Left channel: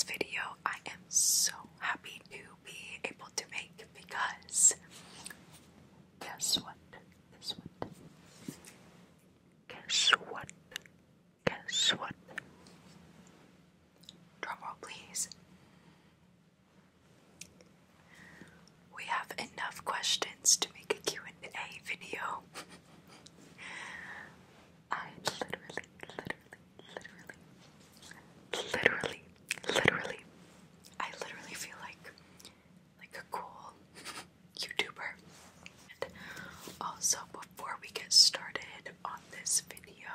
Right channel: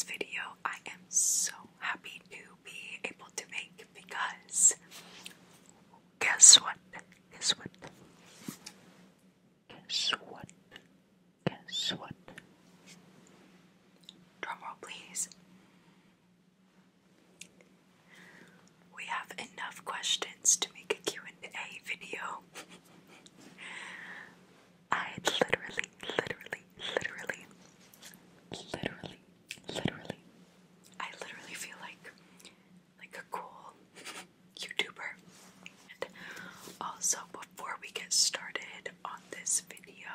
this video I am so happy to be able to make because guess what? Guess what? Guess what? Guess what? Drumroll please. We have enough questions to make a Q&A video. I literally feel like a cool YouTuber. And also, before we get started on this video,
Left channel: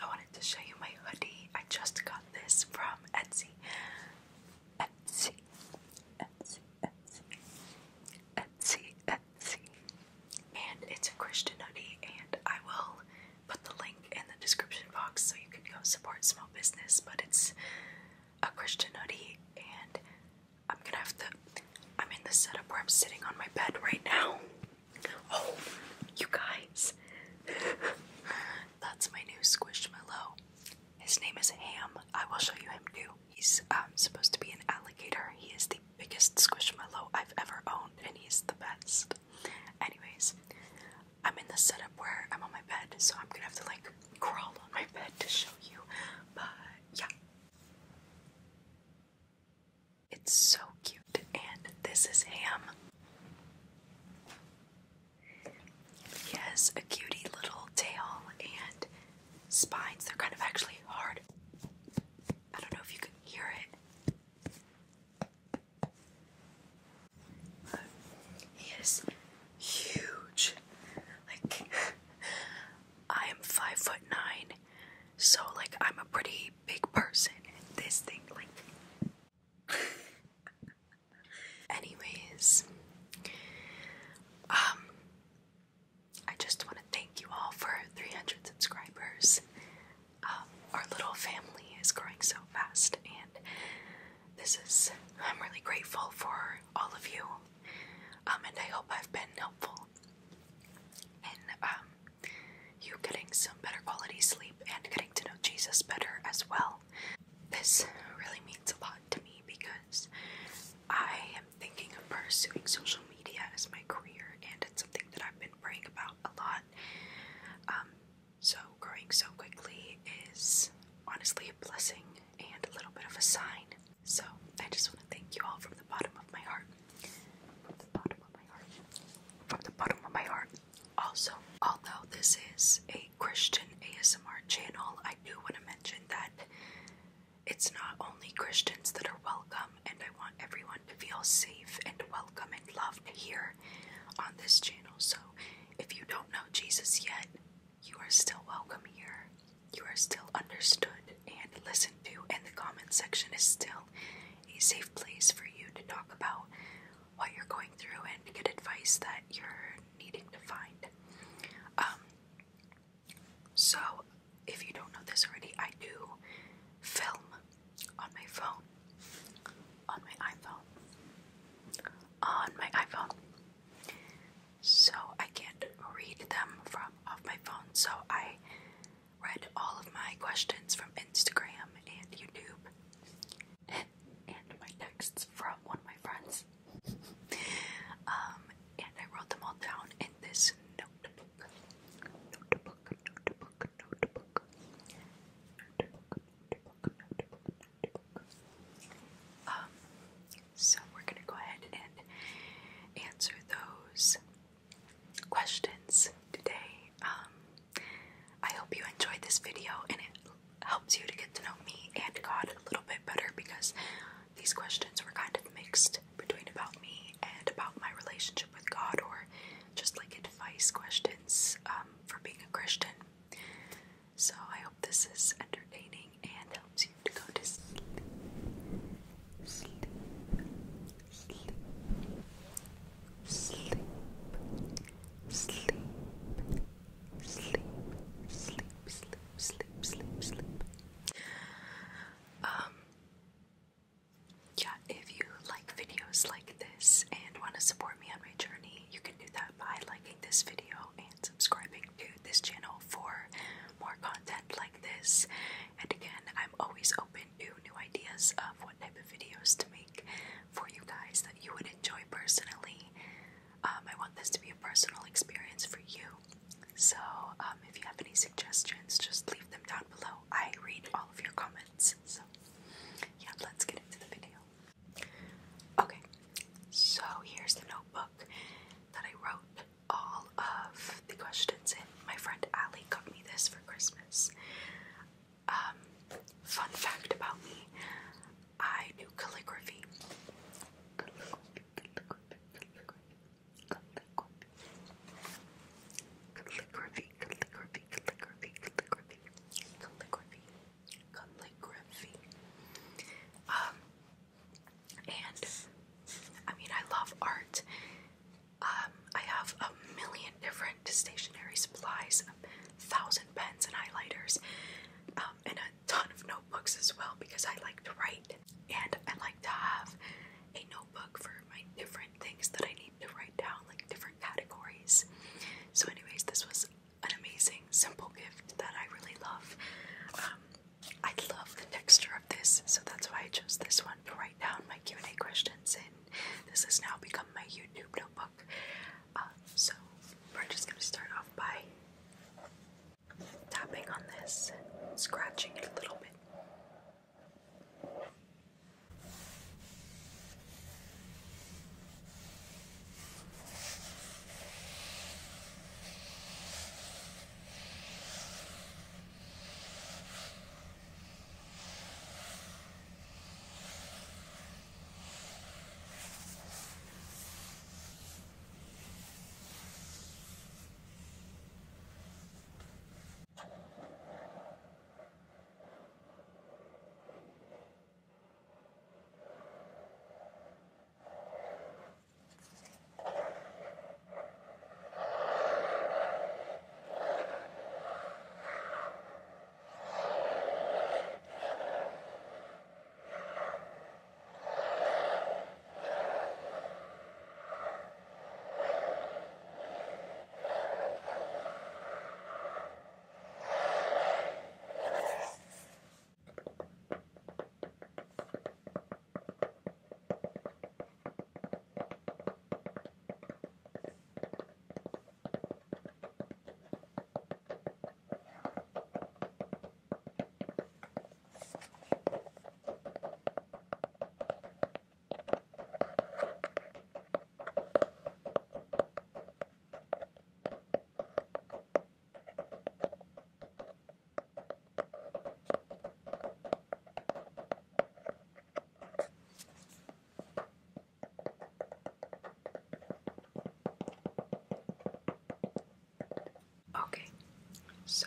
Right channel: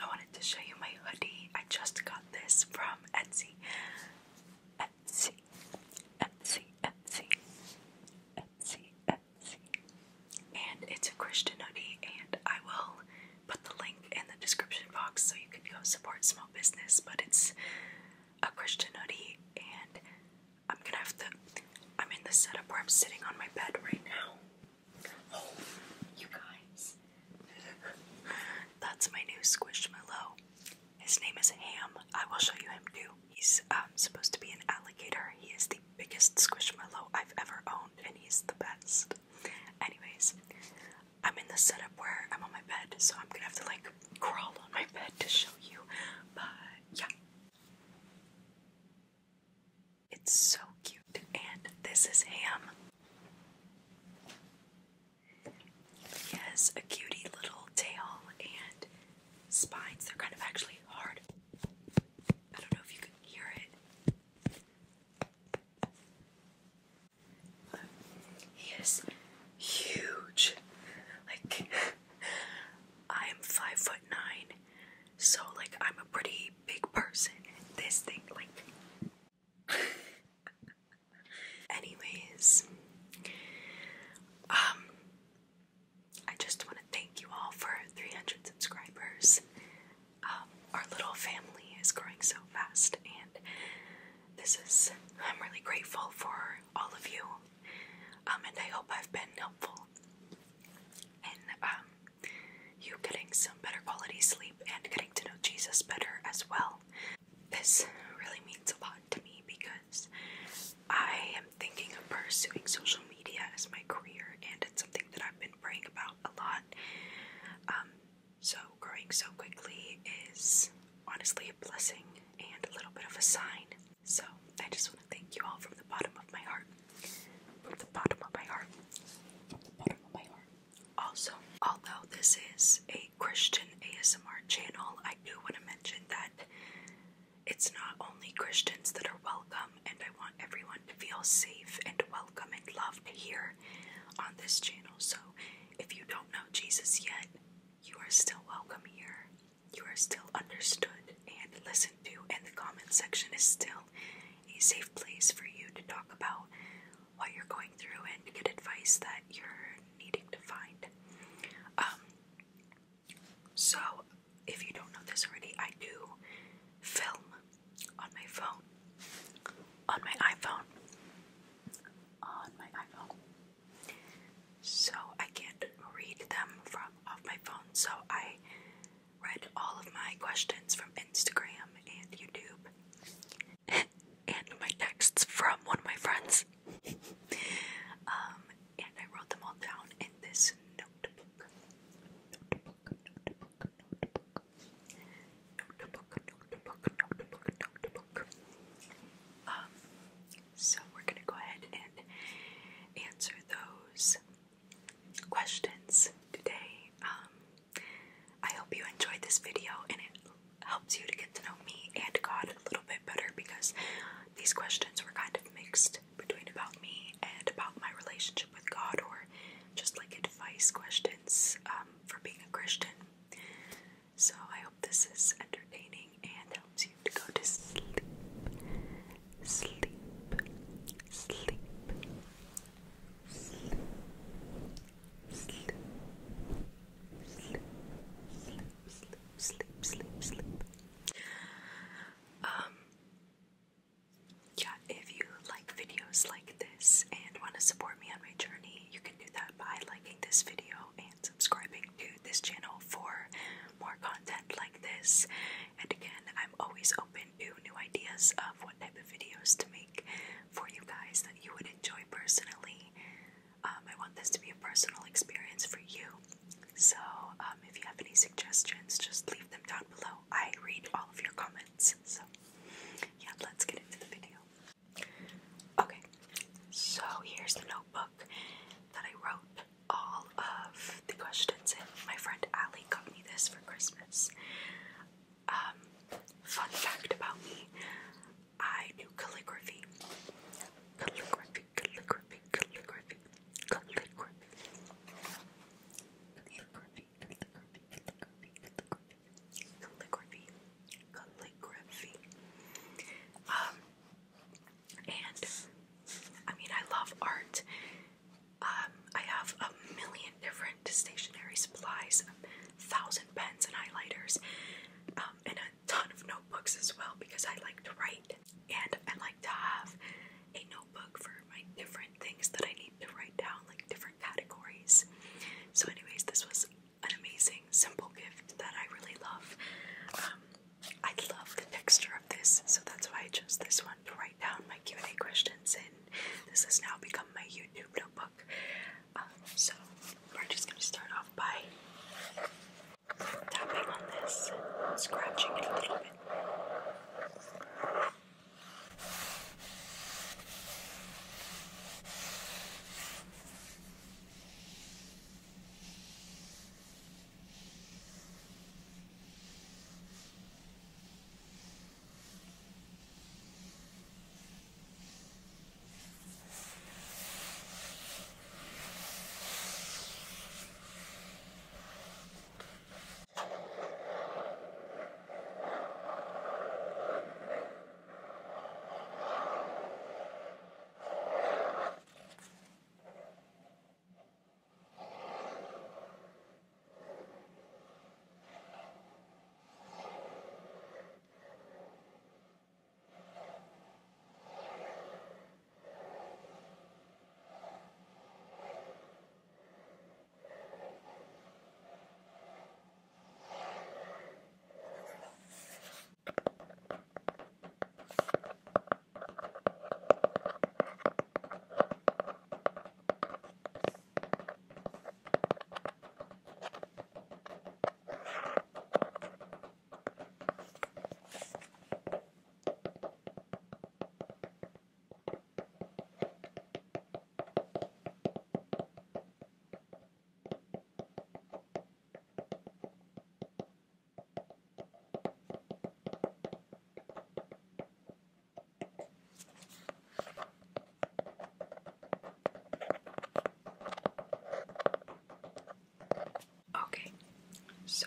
I wanted to show you my hoodie. I just got this from Etsy. And it's a Christian hoodie, and I will put the link in the description box so you can go support small business. But it's a Christian hoodie, and I'm in the setup where I'm sitting on my bed right now. Oh, you guys. That's my new Squishmallow. His name is Ham. I will show you him too. He's supposed to be an alligator. He is the biggest Squishmallow I've ever owned, and he's the best. Anyways, I'm in the setup where I'm on my bed, so I'm gonna have to like crawl on my bed to show you. But yeah. It's so cute, and this is Ham. He has a cutie little tail and spines. They're kind of actually hard. I don't know if you can hear it. He is huge. Like, I am 5'9", so like I'm a pretty big person. And this thing, like. Anyways, I just want to thank you all for 300 subscribers. Our little family is growing so fast, and I'm really grateful for all of you. And I hope I've been helpful in you getting some better quality sleep and getting to know Jesus better as well. This really means a lot to me because I am thinking of pursuing social media as my career, and it's something that I've been praying about a lot. So growing so quickly is honestly a blessing and a little bit of a sign. So I just want to thank you all from the bottom of my heart. From the bottom of my heart. From the bottom of my heart. Also, although this is a Christian ASMR channel, I do want to mention that it's not only Christians that are welcome, and I want everyone to feel safe and welcome and loved here on this channel. So if you don't know Jesus yet, you are still welcome here. You are still understood and listened to, and the comment section is still a safe place for you to talk about what you're going through and to get advice that you're needing to find. So if you don't know this already, I do film on my phone, on my iPhone, so I can't read them from off my phone, so I read all of my questions from Instagram and YouTube, and my texts from one of my friends, and I wrote them all down in this notebook. So we're gonna go ahead and answer those questions today. I hope you enjoyed this video and it helps you to get to know me and God a little bit better, because these questions were kind of mixed between about me and about my relationship with God, or just like advice questions for being a Christian. So I hope this is entertaining and helps you to go to sleep. Sleep. Sleep. Sleep. Sleep. Sleep. Sleep. Sleep. Sleep. Sleep. Yeah, if you like videos like this and want to support me on my journey, you can do that by liking this video and subscribing to this channel for more content like this. And again, I'm always open to new ideas of what type of videos to make for you guys that you would enjoy personally. I want this to be a personal experience for you. So if you have any suggestions, just leave them down below. I read all of your comments. So yeah, let's get into the video. Okay, so here's the notebook that I wrote all of the questions in. My friend Allie got me this for Christmas. Fun fact about me, I do calligraphy. Calligraphy, calligraphy, calligraphy, calligraphy. Calligraphy, calligraphy, calligraphy, calligraphy, calligraphy, calligraphy. And I mean, I love art. I have a million different stationery supplies, 1,000 pens and highlighters, and a ton of notebooks as well because I like to write. And I like to have a notebook for my different things that I need to write down, like different categories. So anyways, this was an amazing, simple gift that I really love. I love the texture of this, so that's why I chose this one to write down my Q&A questions in. This has now become my YouTube notebook. So we're just going to start off by tapping on this, scratching it a little bit. Okay, so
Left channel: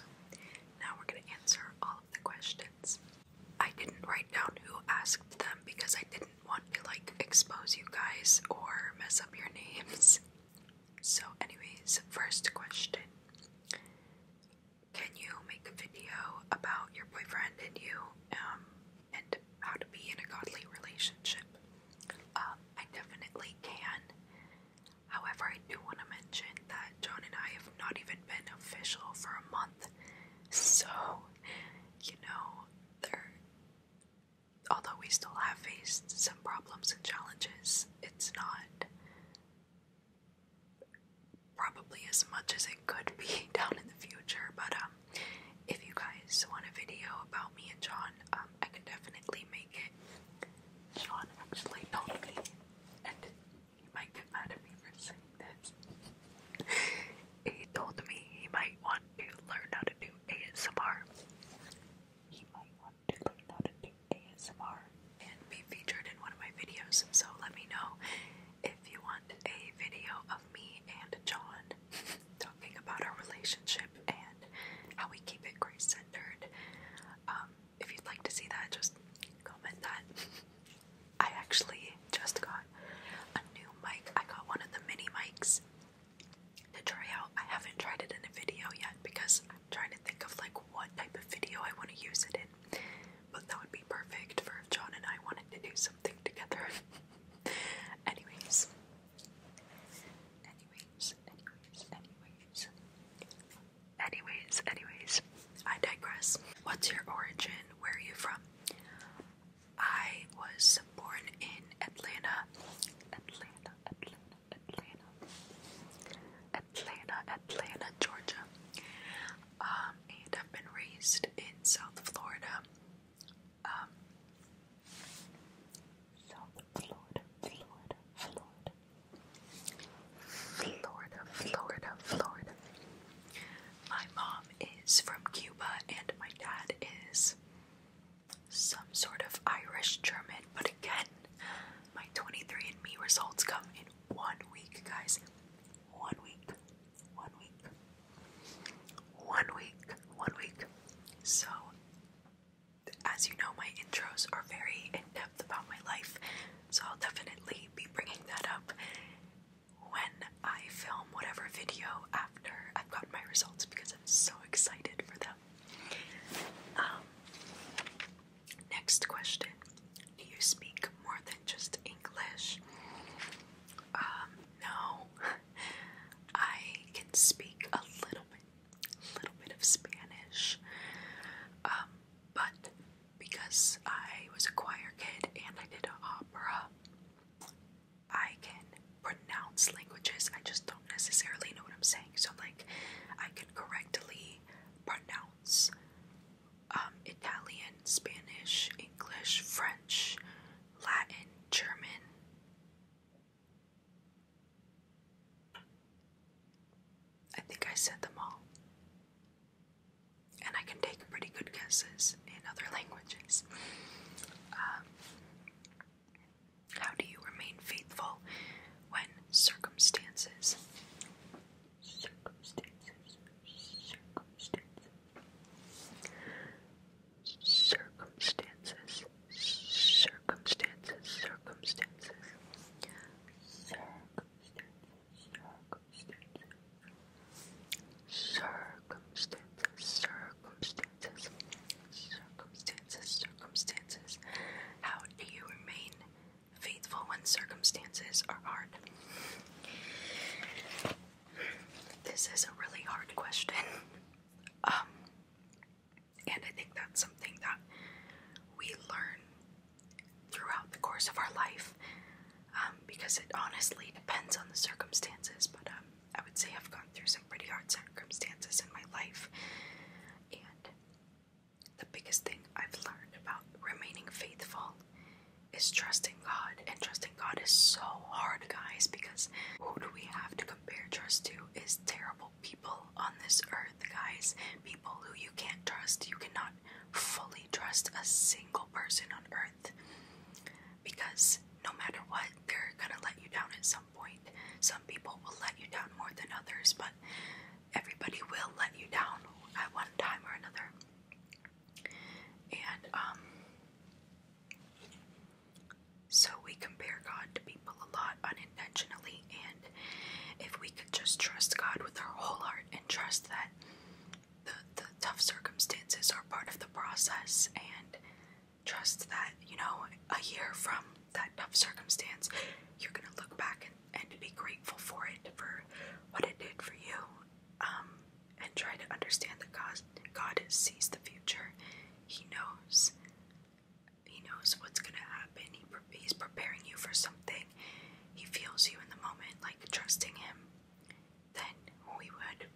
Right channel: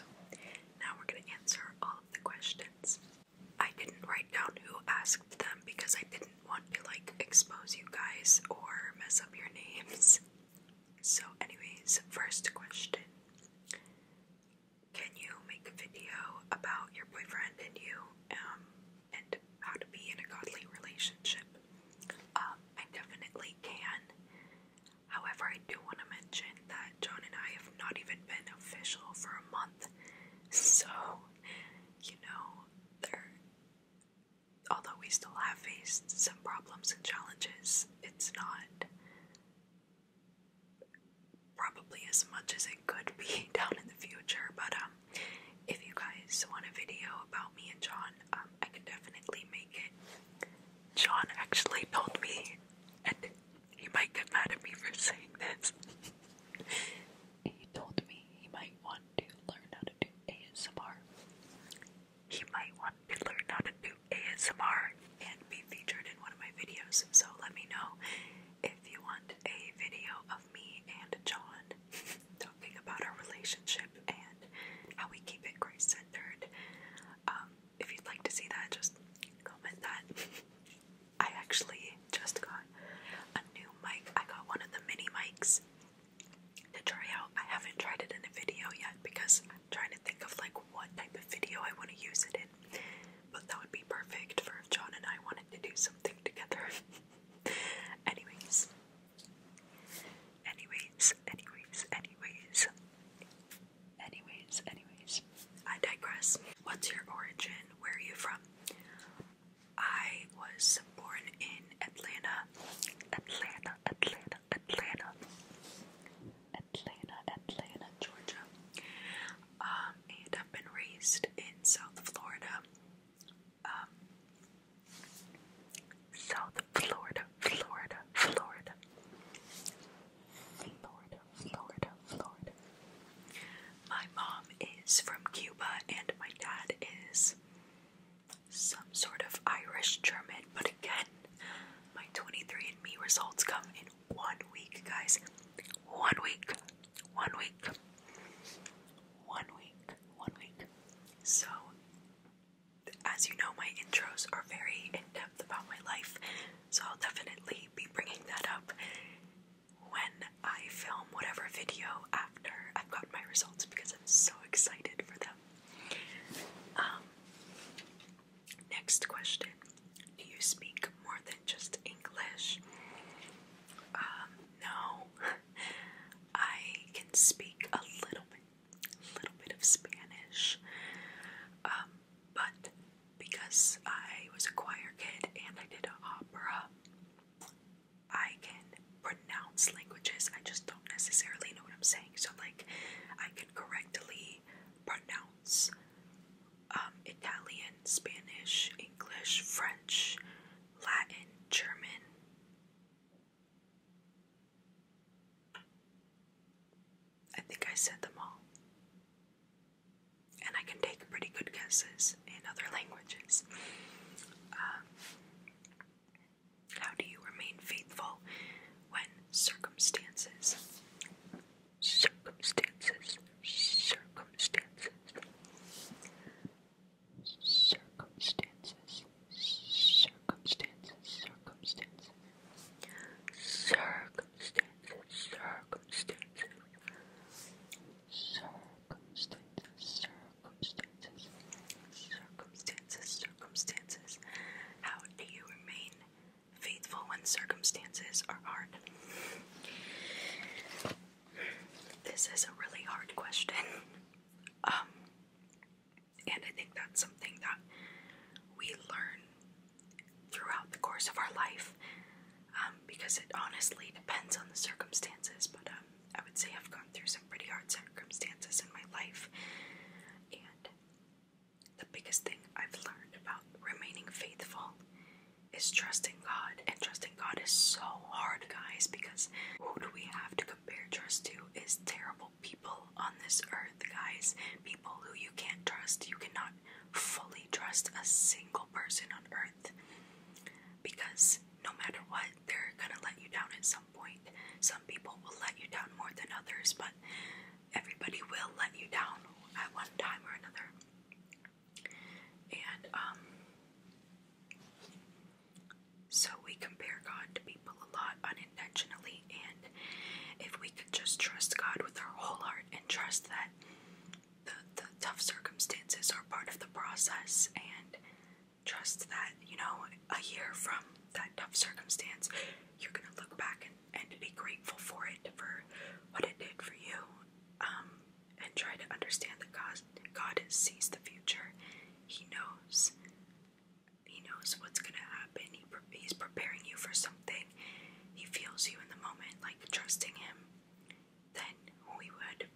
now we're going to answer all of the questions. I didn't write down who asked them because I didn't want to expose you guys or mess up your names. So anyways, first question. Can you make a video about your boyfriend and you and how to be in a godly relationship? I definitely can. However, I do want to mention that John and I have not even been official for a month. So, although we still have faced some problems and challenges, it's not probably as much as it could be down in the future. But if you guys want a video about me and John, I can definitely make it. John actually told me, and he might get mad at me for saying this, he told me he might want to learn how to do ASMR. He might want to learn how to do ASMR and be featured in one of my videos. So let me know if you want a video of me and John talking about our relationship and how we keep it Christ-centered. If you'd like to see that, just comment that. I actually just got a new mic. I got one of the mini mics to try out. I haven't tried it in a video yet because I'm trying to think of what type of video I want to use it in. But that would be perfect for if John and I wanted to do something together. Anyways, I digress. What's your origin? Where are you from? I was born Atlanta, Atlanta, Atlanta, Atlanta, Atlanta, Atlanta, Georgia. And I've been raised in South Florida. South Florida, Florida, Florida. Florida, Florida, Florida. My mom is from Cuba and my dad is some sort of Irish German, but again, my 23andMe results come in 1 week, guys. 1 week. 1 week. 1 week. 1 week. So, as you know, my intros are very in-depth about my life, so I'll definitely be bringing that up when I film whatever video after I've gotten my results, because I'm so excited for them. Next question. Do you speak more than just English? No. I can speak a little bit of Spanish. But because I was a choir kid and I did opera, I can pronounce languages. I just don't necessarily know what I'm saying. So like, I can correctly pronounce Italian, Spanish, English, French, Latin, German. I think I said them all. And I can take pretty good guesses in other languages. How do you remain faithful when circumstances, circumstances, circumstances, circumstances, circumstances, circumstances, circumstances. How do you remain faithful when circumstances are hard? This is a really hard question. And I think that's something that we learn throughout the course of our life, because it honestly depends on the circumstances, but I would say I've gone through some pretty hard circumstances in my life, and the biggest thing I've learned about remaining faithful is trusting God, and trusting God is so hard, guys, because who do we have to compare trust to is terrible people on this earth, guys. People who you can't trust. You cannot fully trust a single person on earth, because no matter what, they're gonna let you down at some point. Some people will let you down more than others, but everybody will let you down at one time or another. And so we compare God to people a lot unintentionally, and if we could just trust God with our whole heart and trust that the tough circumstances are part of the process, and trust that, you know, a year from that tough circumstance, you're gonna look back and be grateful for it, for what it did for you, and try to understand that God sees the future. He knows what's gonna happen. He's preparing you for something. He feels you in the moment. Like, trusting him, then we would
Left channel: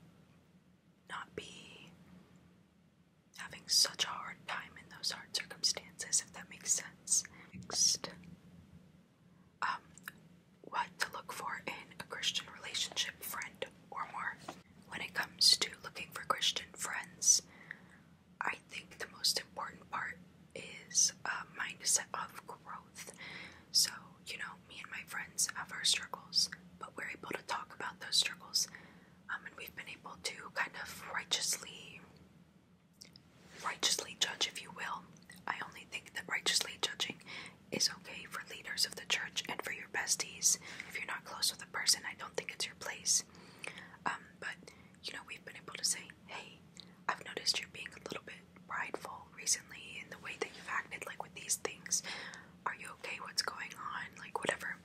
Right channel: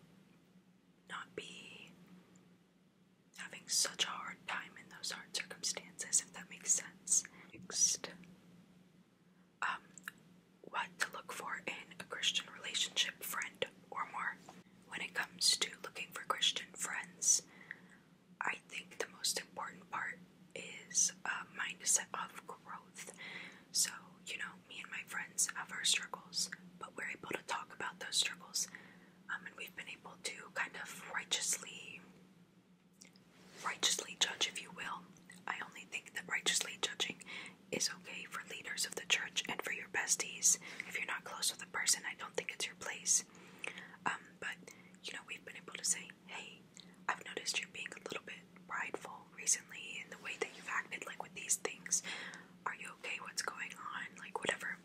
not be having such a hard time in those hard circumstances, if that makes sense. Next, what to look for in a Christian relationship, friend or more. When it comes to looking for Christian friends, I think the most important part is a mindset of growth. So, you know, me and my friends have our struggles, but we're able to talk about those struggles, and we've been able to kind of righteously judge, if you will. I only think that righteously judging is okay for leaders of the church and for your besties. If you're not close with a person, I don't think it's your place. But, you know, we've been able to say, hey, I've noticed you're being a little bit prideful recently in the way that you've acted, like with these things. Are you okay? What's going on? Like, whatever.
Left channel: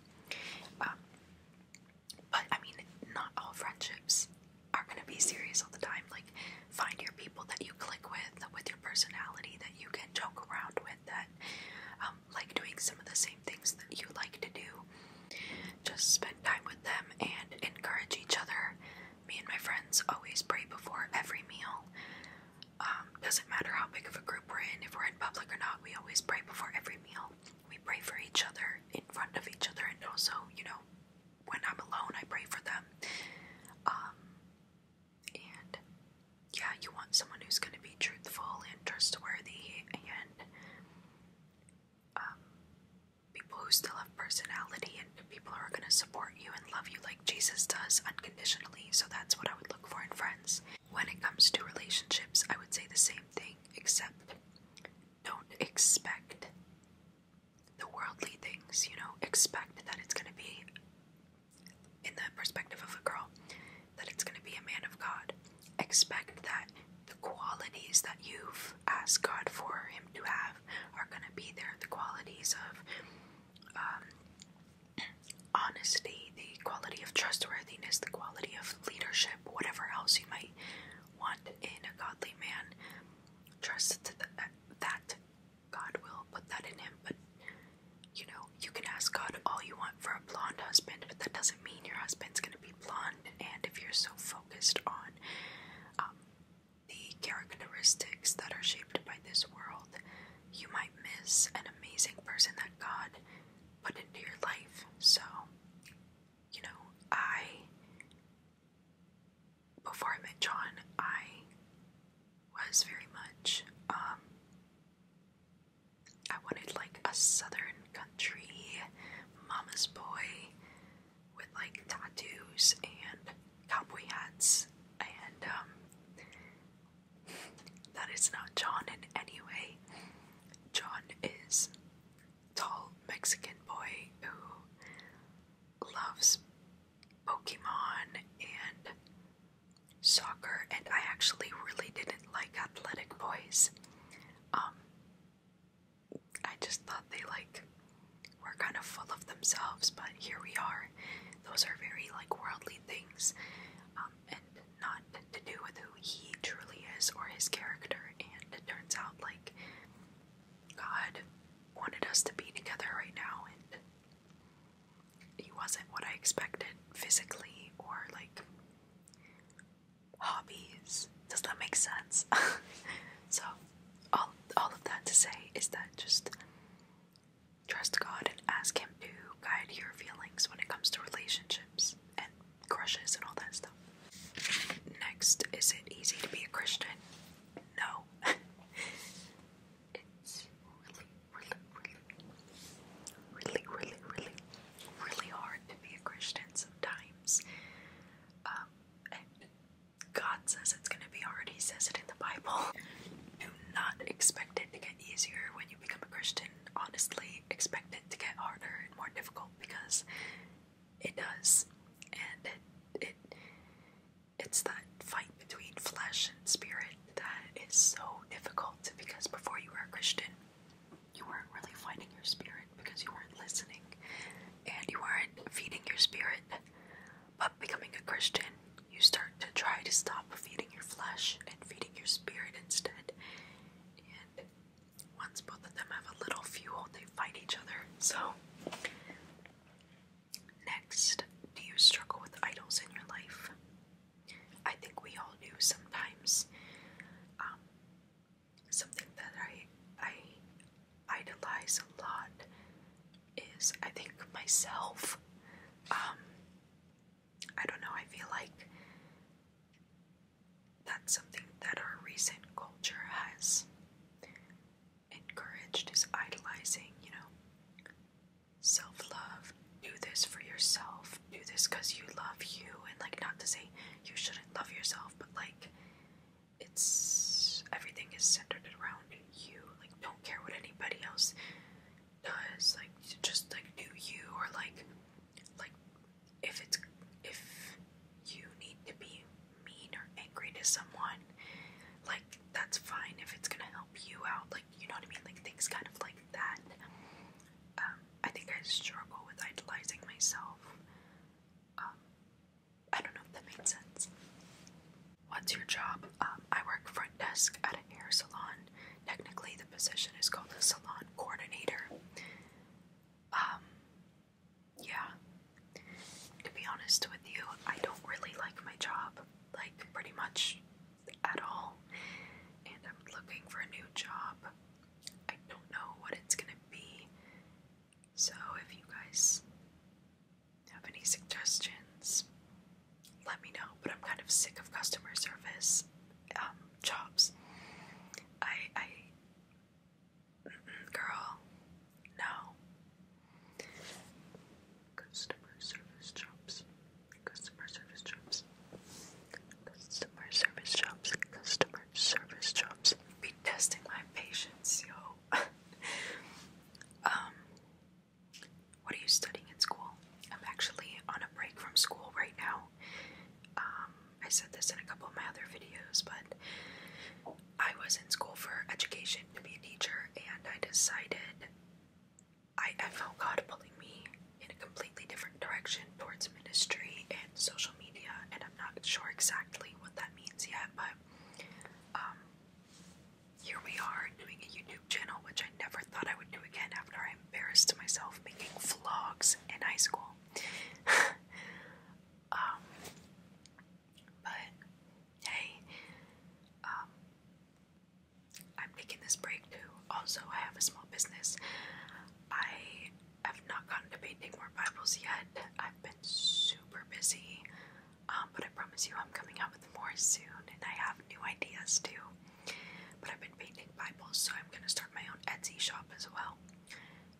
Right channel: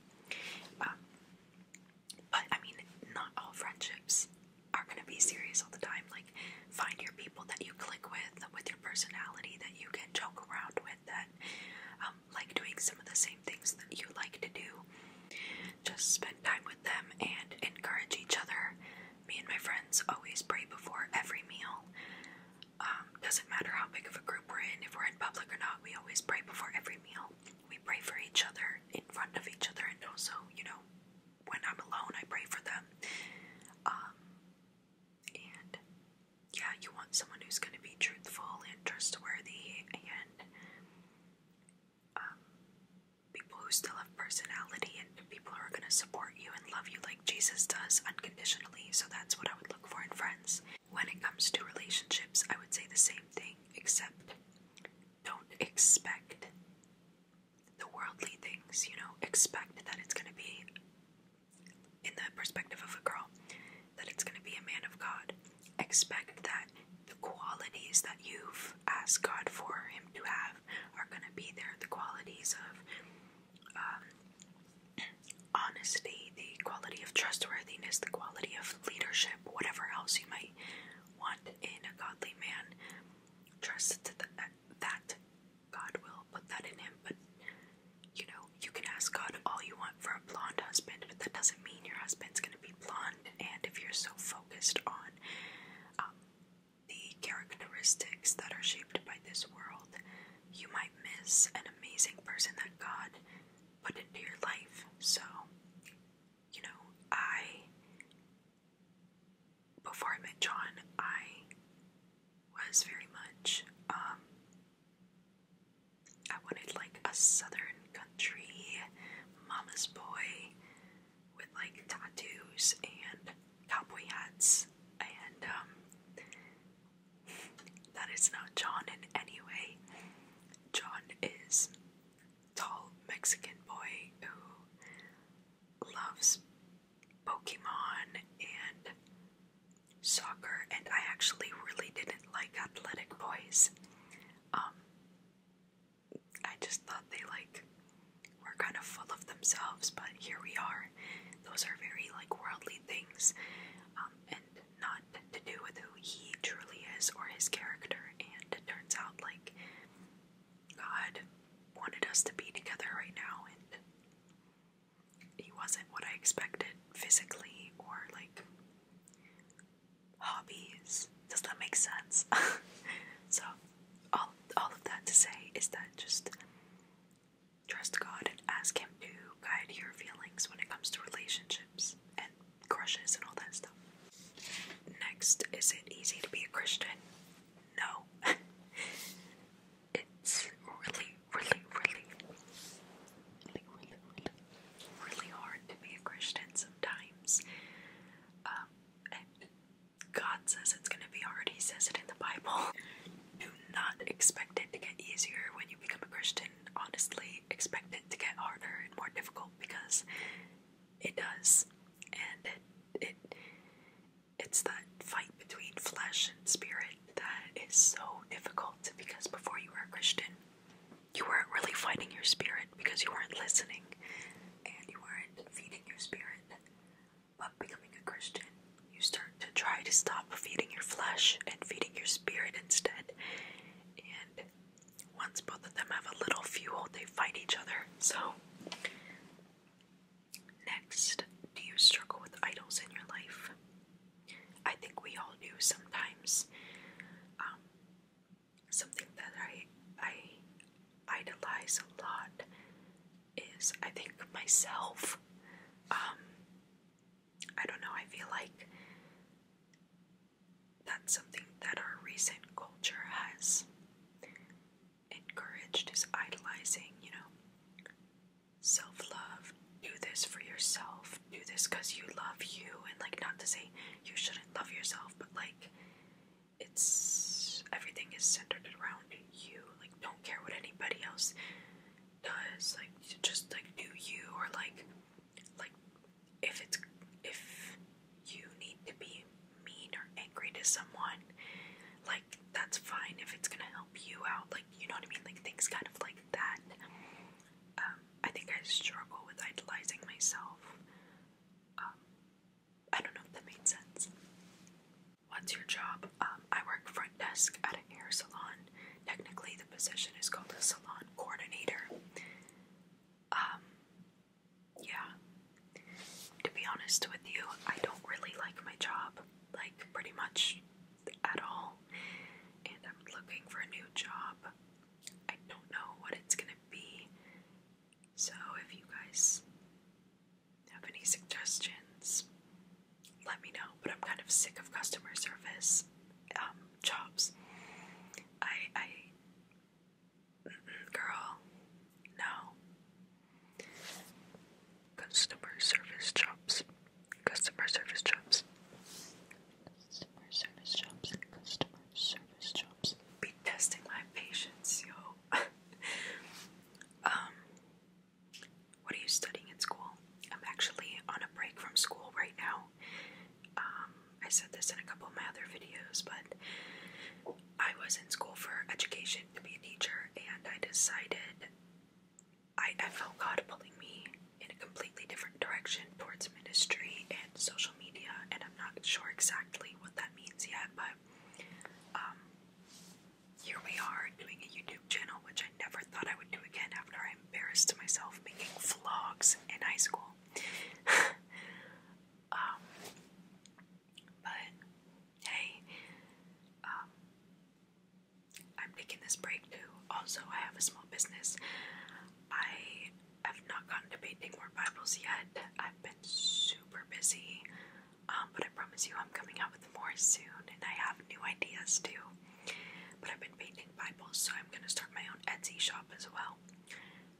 But, I mean, not all friendships are going to be serious all the time. Like, find your people that you click with your personality, that you can joke around with, that like doing some of the same things that you like just spend time with them and encourage each other. Me and my friends always pray before every meal. Doesn't matter how big of a group we're in, if we're in public or not, we always pray before every meal. We pray for each other in front of each other, and also, when I'm alone, I pray for them. And yeah, you want someone who's going to be truthful and trustworthy, and people who still have personality, and people who are going to support you and love you like Jesus does unconditionally. So that's what I would look for in friends. When it comes to relationships, I would say the same thing, except don't expect the worldly things, expect that it's going to be, in the perspective of a girl, that it's going to be a man of God. Expect that the qualities that you've asked God for him to have are going to be there. The qualities of honesty, the quality of trustworthiness, the quality of leadership, whatever else you might want in a godly man. Trust that God will put that in him. But you can ask God all you want for a blonde husband, but that doesn't mean your husband's going to be blonde. And if you're so focused on the characteristics that are shaped by this world, you might miss an amazing person that God put into your life. So, before I met John, I was very much, I wanted like a southern country mama's boy with like tattoos and cowboy hats, and that is not John in any way. John is tall Mexican boy who loves Pokemon and soccer, and I actually really didn't like athletic boys. I just thought they were kind of full of themselves, but here we are. Those are very worldly things, and not to do with who he truly is or his character. And it turns out God wanted us to be together right now, and he wasn't what I expected physically or hobbies. Does that make sense? So all of that to say is that just trust God and ask him to guide your feelings when it comes to relationships and crushes and all that stuff. Next, is it easy to be a Christian? No. It's really, really, really, really, really, really, really hard to be a Christian sometimes. And God says it's going to be hard. He says it in the Bible. Do not expect it to get easier when you become a Christian. Honestly, expect it to get harder and more difficult, because it does. And it's that fight between flesh and spirit that is so difficult, because before you were a Christian, you weren't really fighting your spirit because you weren't listening and you weren't feeding your spirit. But becoming a Christian, you start to try to stop feeding your flesh and feeding your spirit instead. And once both of them have a little fuel, they fight each other. So, next, do you struggle with idols in your life? I think we all do sometimes. Something that I idolize a lot is, I think, myself. I don't know, I feel like that's something that our recent culture has encouraged, is idolizing, self-love. Do this for yourself. Do this because you love you. And not to say you shouldn't love yourself, but everything is centered around you. Don't care what anybody else does. Just do you, or if you need to be mean or angry to someone, that's fine if it's gonna help you out. You know what I mean? Things kind of like that. I think I struggle with idolizing myself. I don't know if that made sense. What's your job? I work front desk at a hair salon. Technically, the position is called a salon coordinator. Yeah. Girl, no. Customer service jobs. Customer service jobs. Customer service jobs. Customer service jobs. Be testing my patience, yo. What are you studying in school? I'm actually on a break from school right now. I said this in a couple of my other videos, but I was in school for education to be a teacher, and I decided I felt God pulling me in a completely different direction towards ministry and social media, and I'm not sure exactly what that means yet, but here we are doing a YouTube channel, which I never thought I would do again after I embarrassed myself making vlogs in high school. But hey, I'm taking this break too. Also, I have a small business. I have not gotten to painting more Bibles yet. I've been super busy, but I promise you I'm coming out with more soon, and I have new ideas too. But I've been painting Bibles, so I'm going to start my own Etsy shop as well.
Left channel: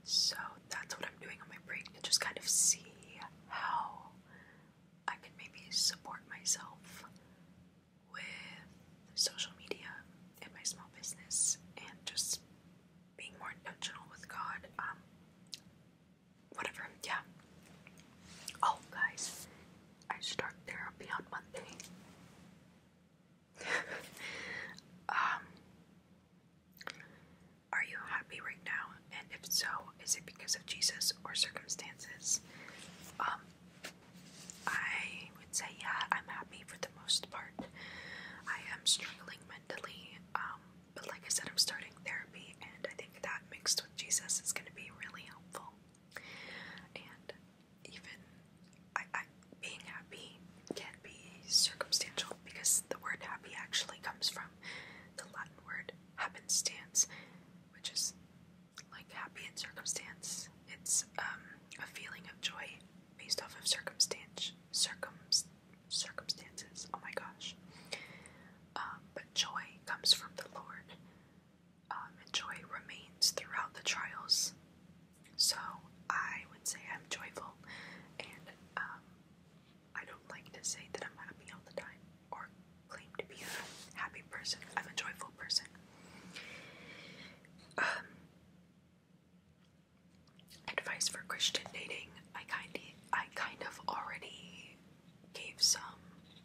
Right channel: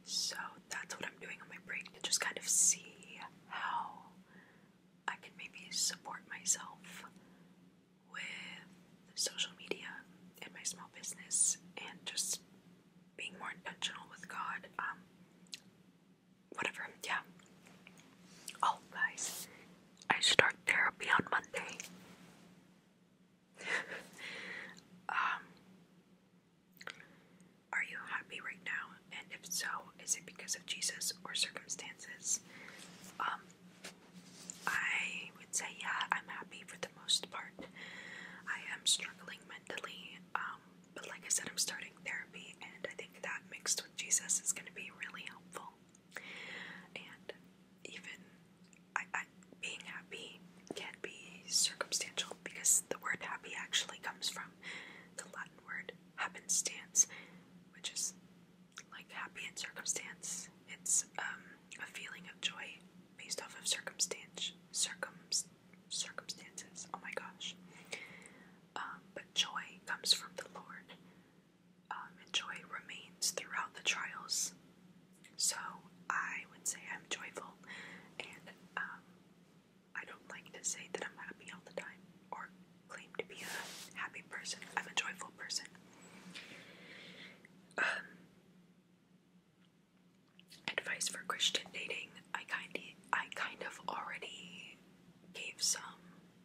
So that's what I'm doing on my break, to just kind of see how I can maybe support myself with social media and my small business, and just being more intentional with God. Whatever, yeah. Oh, guys, I start therapy on Monday. Are you happy right now? And if so, is it because of Jesus or circumstances? I would say, yeah, I'm happy for the most part. I am struggling mentally, but like I said, I'm starting therapy, and I think that mixed with Jesus is going to be really helpful. And even being happy can be circumstantial, because the word happy actually comes from the Latin word happenstance, which is like happy in circumstance. It's a feeling of joy based off of circumstances. Oh my gosh. But joy comes from the Lord, and joy remains throughout the trials. So I would say I'm joyful, and I don't like to say that I'm happy all the time or claim to be a happy person. I'm a joyful person. Advice for Christian dating. I kind of already gave some,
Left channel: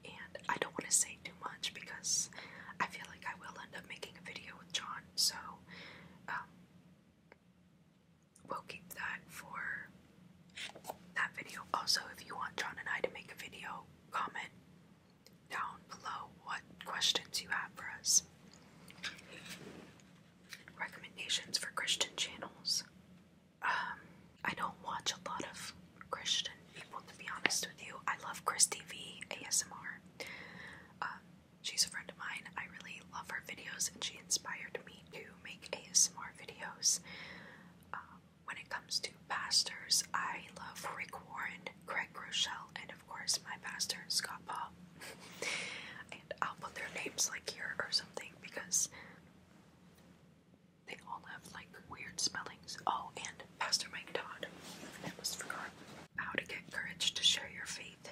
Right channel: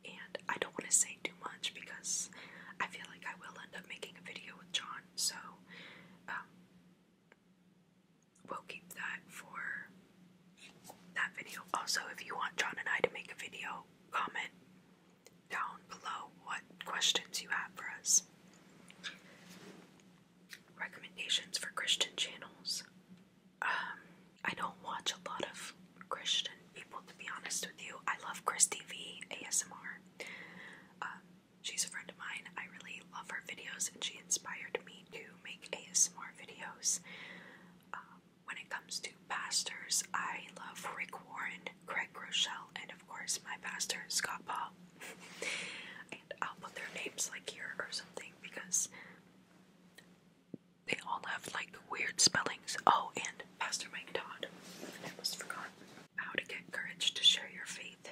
and I don't want to say too much because I feel like I will end up making a video with John, so we'll keep that for that video. Also, if you want John and I to make a video, comment down below what questions you have for us. Recommendations for Christian channels. I don't watch a lot of Christian people, to be honest with you. I love Christi ASMR. She's a friend of mine. I really love her videos, and she inspired me to make ASMR videos. When it comes to pastors, I love Rick Warren, Craig Rochelle, and of course my pastor, Scott Paul. And I'll put their names like here or something, because they all have like weird spellings. Oh, and Pastor Mike Todd. I almost forgot. How to get courage to share your faith.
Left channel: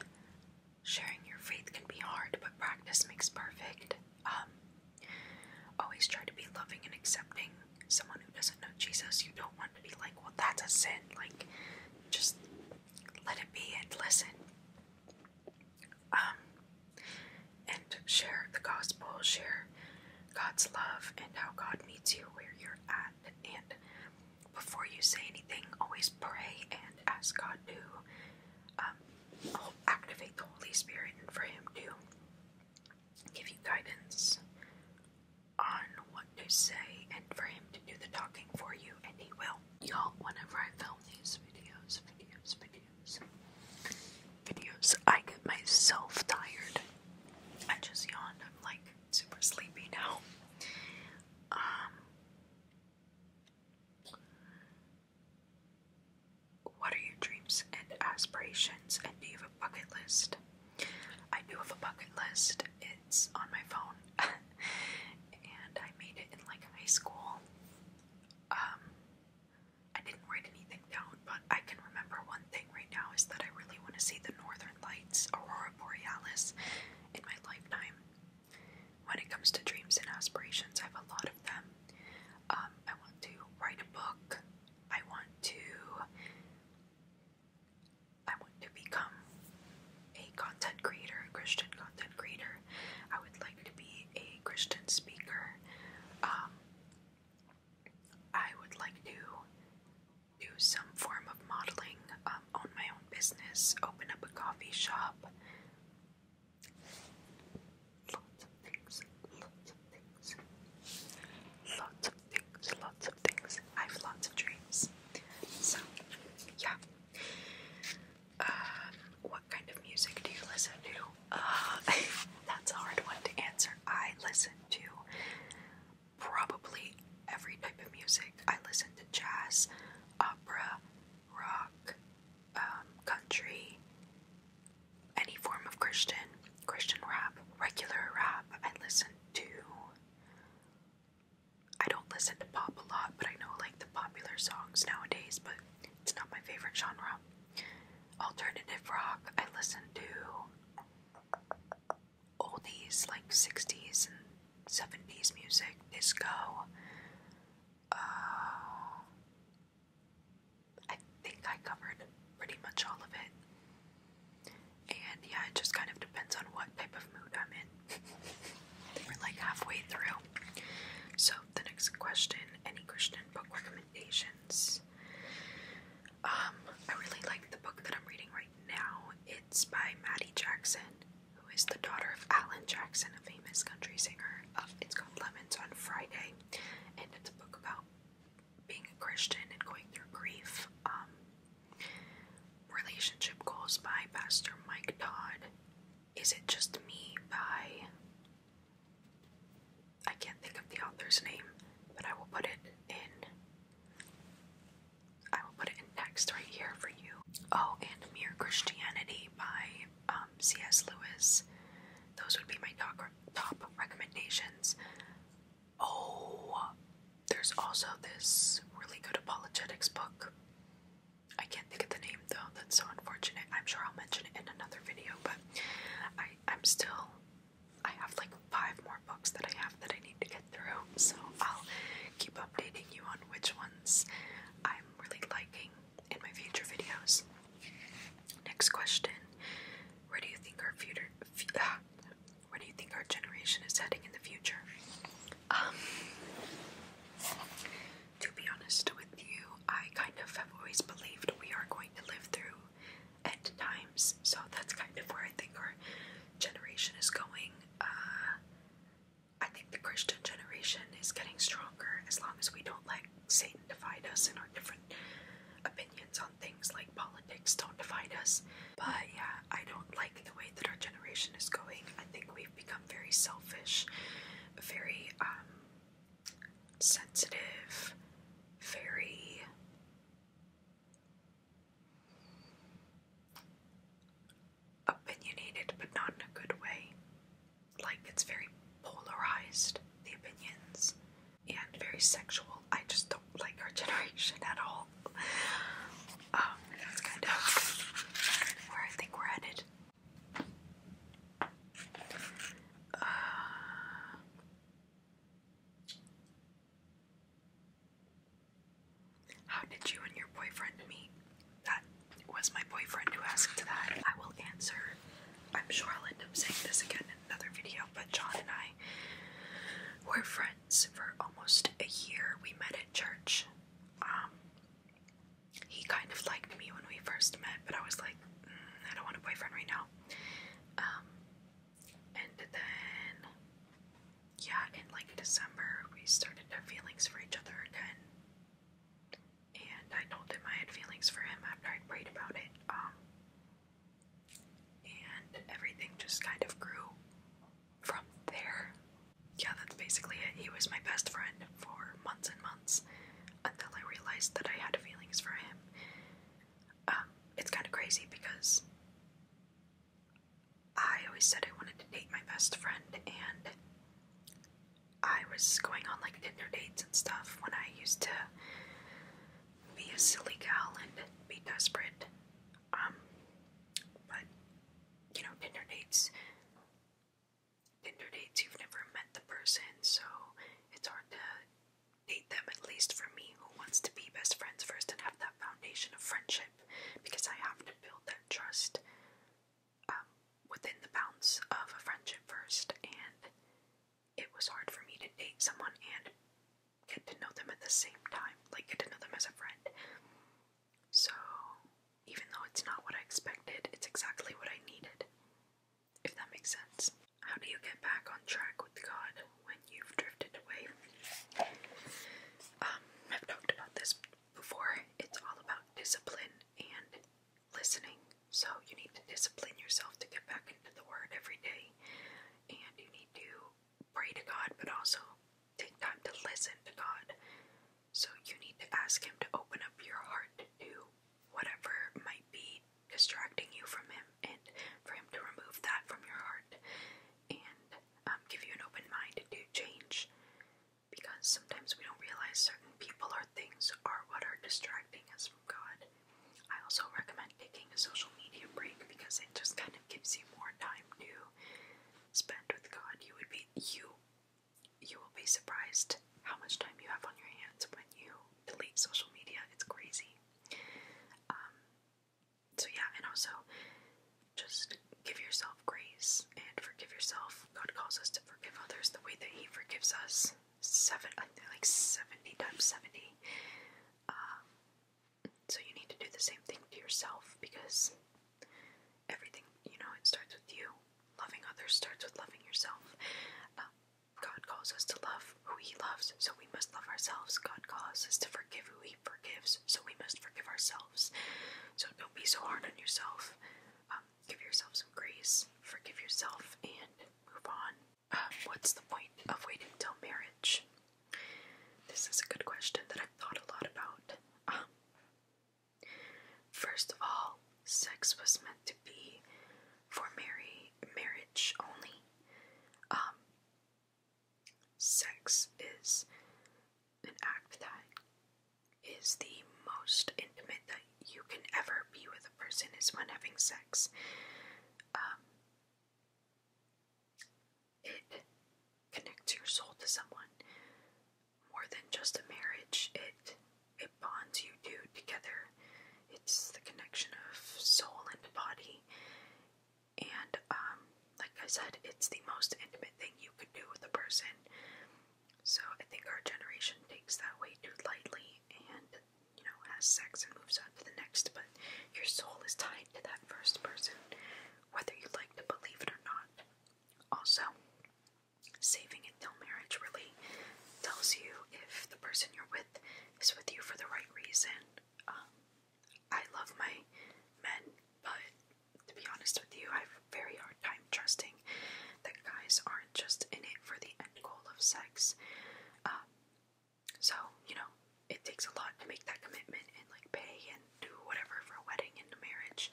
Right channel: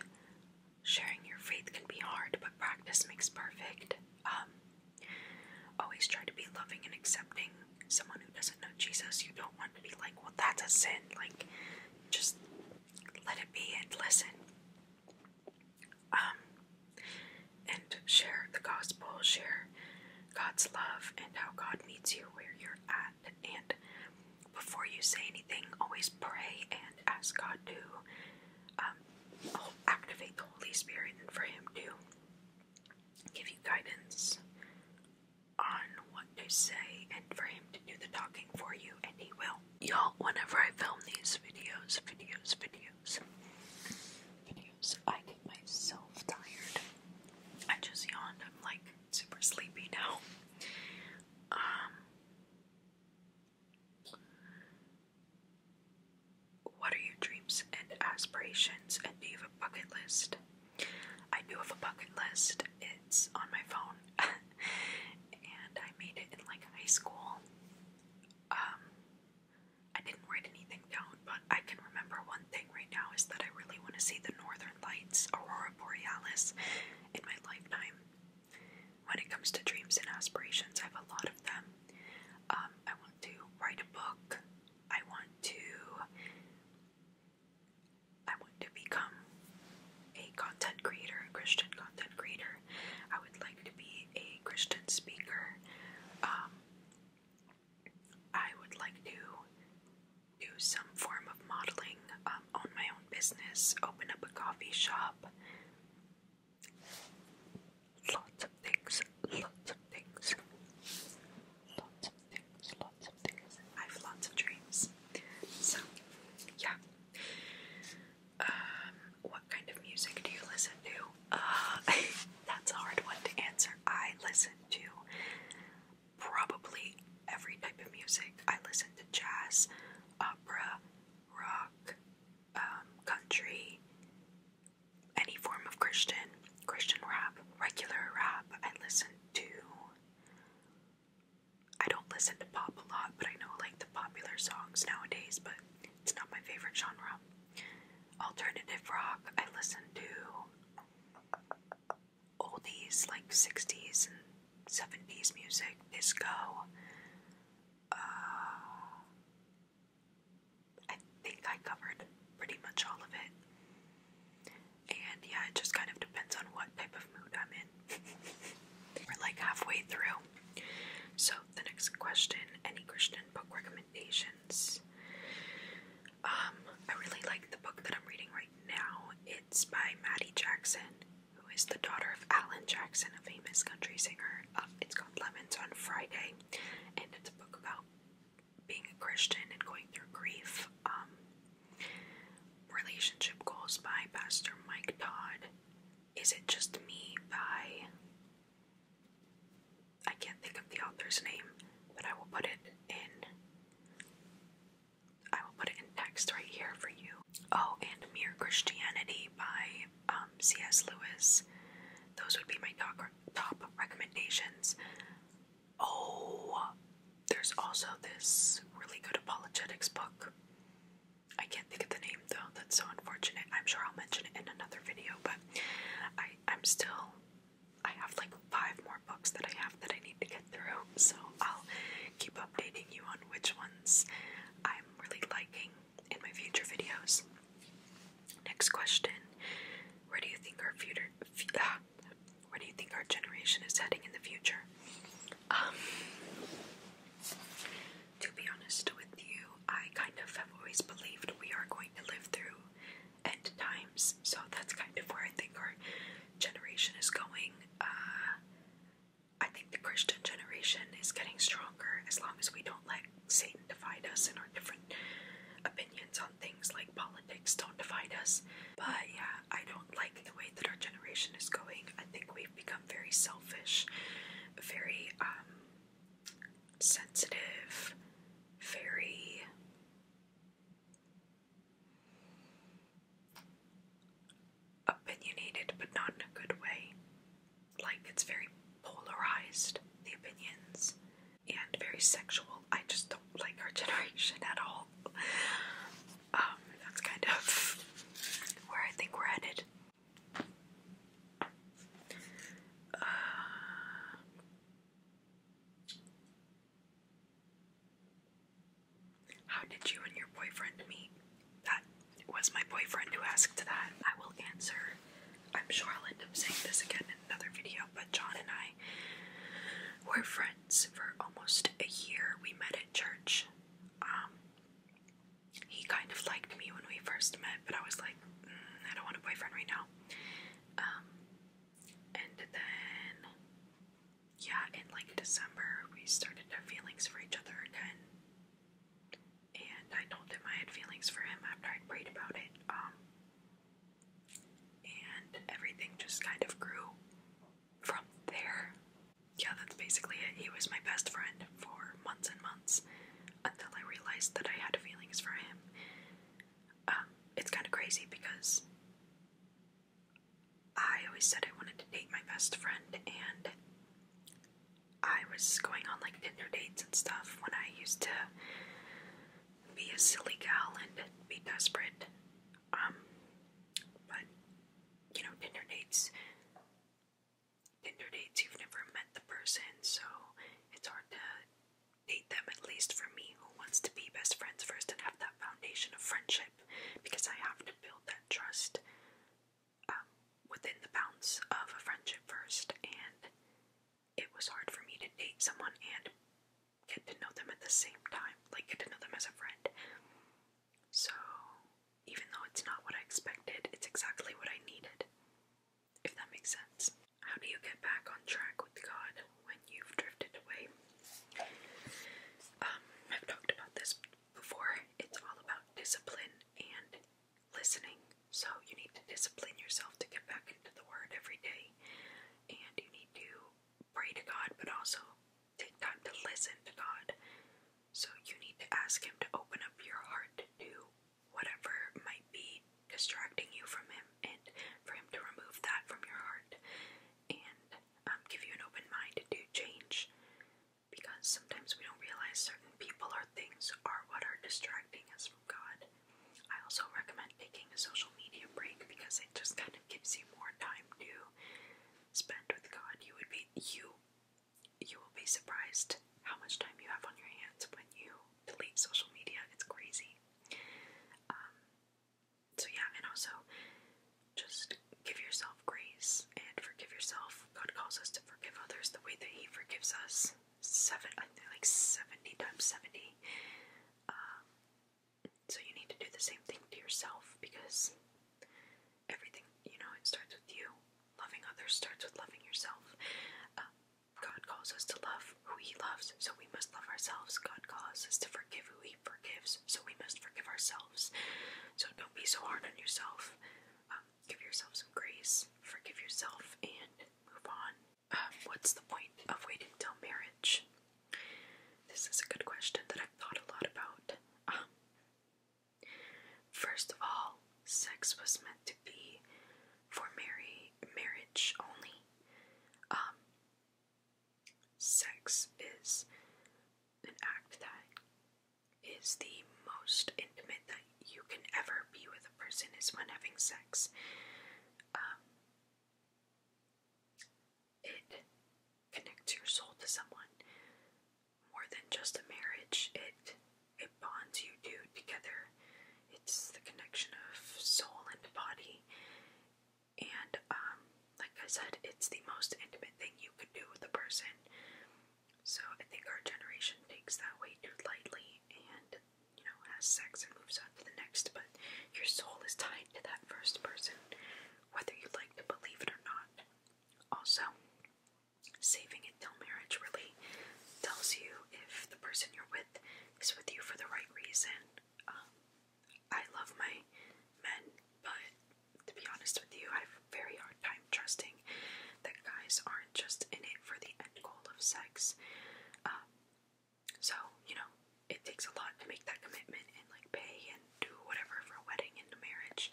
Sharing your faith can be hard, but practice makes perfect. Always try to be loving and accepting. Someone who doesn't know Jesus, you don't want to be like, well, that's a sin. Like, just let it be and listen. And share the gospel, share God's love and how God meets you where you're at. And before you say anything, always pray and ask God to activate the Holy Spirit, and for Him to give you guidance on what to say, and for Him to do the talking for you, and He will. Y'all, whenever I film these videos, I get myself tired. I just yawned. I'm like super sleepy now. What are your dreams and aspirations, and do you have a bucket list? I do have a bucket list. It's on my phone, and I made it in like high school. endless in my lifetime. When it comes to dreams and aspirations, I have a lot of them. I want to write a book. I want to become a content creator, a Christian content creator. I would like to be a Christian speaker. I would like to do some form of modeling, own my own business, open up a coffee shop. Lots of things, lots of things, lots of things, lots of things. I have lots of dreams. So, yeah. What kind of music do you listen to? That's a hard one to answer. I listen to probably every type of music. I listen to jazz, opera, rock, country, any form of Christian rap, regular rap. I don't listen to pop a lot, but I know like the popular songs nowadays, but it's not my favorite genre. Alternative rock, I listen to oldies like 60s and 70s music, disco. I think I covered pretty much all of it. And yeah, it just kind of depends on what type of mood I'm in. We're like halfway through. So the next question, any Christian book recommendations? I really like the book that I'm reading right now. It's by Maddie Jackson, who is the daughter of Alan Jackson, a famous country singer. It's called Lemons on Friday, and it's a book about being a Christian and going through grief. Relationship Goals by Pastor Mike Todd. Is It Just Me by... I can't think of the author's name, but I will put it in text right here for you. Oh, and Mere Christianity by C.S. Lewis. Those would be my top recommendations. Oh, there's also this really good apologetics book. I can't think of the name though, that's so unfortunate. I'm sure I'll mention it in another video, but I have like 5 more books that I have that I need to get through, so I'll keep updating you on which ones I'm really liking in my future videos. Next question. Where do you think our generation is heading in the future? To be honest with you, I kind of have always believed we are going to live through end times, so that's kind of where I think our generation is going. I think the Christian generation is getting stronger as long as we don't let Satan divide us in our different opinions on things like politics don't divide us. But yeah, I don't like the way that our generation is going. I think we've become very selfish, very sensitive, very opinionated, but not in a good way. Like, it's very polarized, the opinions, and very sexual. I just don't like our generation at all. That's kind of where I think we're headed. How did you and your boyfriend meet? That was my boyfriend who asked that. I will answer. I'm sure I'll end up saying this again in another video, but John and I were friends for almost a year. We met at church. He kind of liked me when we first met, but I was like, I don't want a boyfriend right now. And then, yeah, in like December, we started to have feelings for each other again. And I told him I had feelings for him after I'd prayed about it. And everything just kind of grew from there. Yeah, that's basically it. He was my best friend for months and months until I realized that I had feelings for him. It's kind of crazy because I always said I wanted to date my best friend, and I was going on like Tinder dates and stuff when I used to be a silly gal and be desperate. But Tinder dates, you've never met the person, so it's hard to date them, at least for me, who wants to be best friends first and have that foundation of friendship, because I have to build that trust within the bounds of a friendship first, and it was hard for me to date someone and get to know them at the same time, like get to know them as a friend. So, even though it's not what I expected, it's exactly what I needed, if that makes sense. How do you get back on track with God when you've drifted away? I've talked about this before. It's all about discipline and listening. So you need to discipline yourself to get back into the Word every day, and you need to pray to God, but also take time to listen to God. So you need to ask Him to open up your heart to whatever might be distracting you from Him, and for Him to remove that from your heart, and give you an open mind to change, because sometimes we don't realize certain people or things are what are distracting us from God. I also recommend taking a social media break, because it just kind of gives you more time to spend with God. You will be surprised how much time you have on your hands when you delete social media. It's crazy. So yeah, and also just give yourself grace and forgive yourself. God calls us to forgive others the way that He forgives us. 70 times 70. So you need to do the same thing to yourself, because everything, it starts with you. Loving others starts with loving yourself. God calls us to love who He loves, so we must love ourselves. God calls us to forgive who He forgives, so we must forgive ourselves. So don't be so hard on yourself. Give yourself some grace, forgive yourself, and move on. What's the point of waiting till marriage? This is a good question that I've thought a lot about. First of all, sex was meant to be for marriage only. Sex is an act that is the most intimate that you can ever be with a person, is when having sex. It connects your soul to someone more than just a marriage. It bonds you two together. It's the connection of soul and body, and like I said, it's the most intimate thing you could do with a person. So I think our generation takes that way too lightly, and has sex and moves on to the next, but your soul is tied to that first person, whether you like to believe it or not. Also, saving it till marriage really tells you if the person you're with is with you for the right reason. I love my men, but to be honest with you, I have a very hard time trusting that guys aren't just in it for the end goal of sex. So, it takes a lot to make that commitment and pay and do whatever for a wedding and a marriage.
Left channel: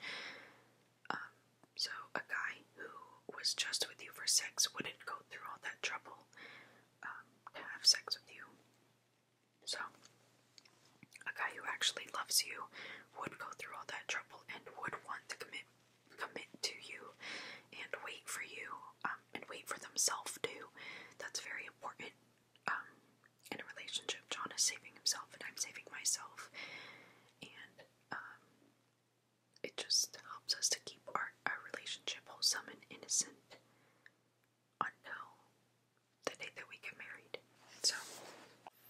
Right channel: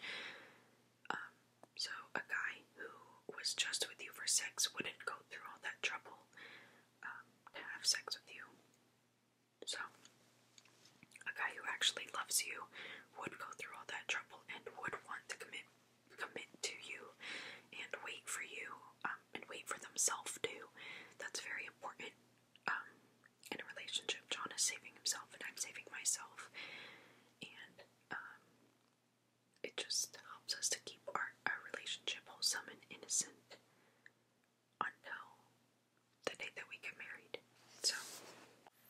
So a guy who was just with you for sex wouldn't go through all that trouble to have sex with you. So a guy who actually loves you would go through all that trouble and would want to commit to you and wait for you, and wait for themselves too. That's very important in a relationship. John is saving himself and I'm saving myself, and it just helps us to keep our relationship wholesome and innocent until the day that we get married. So,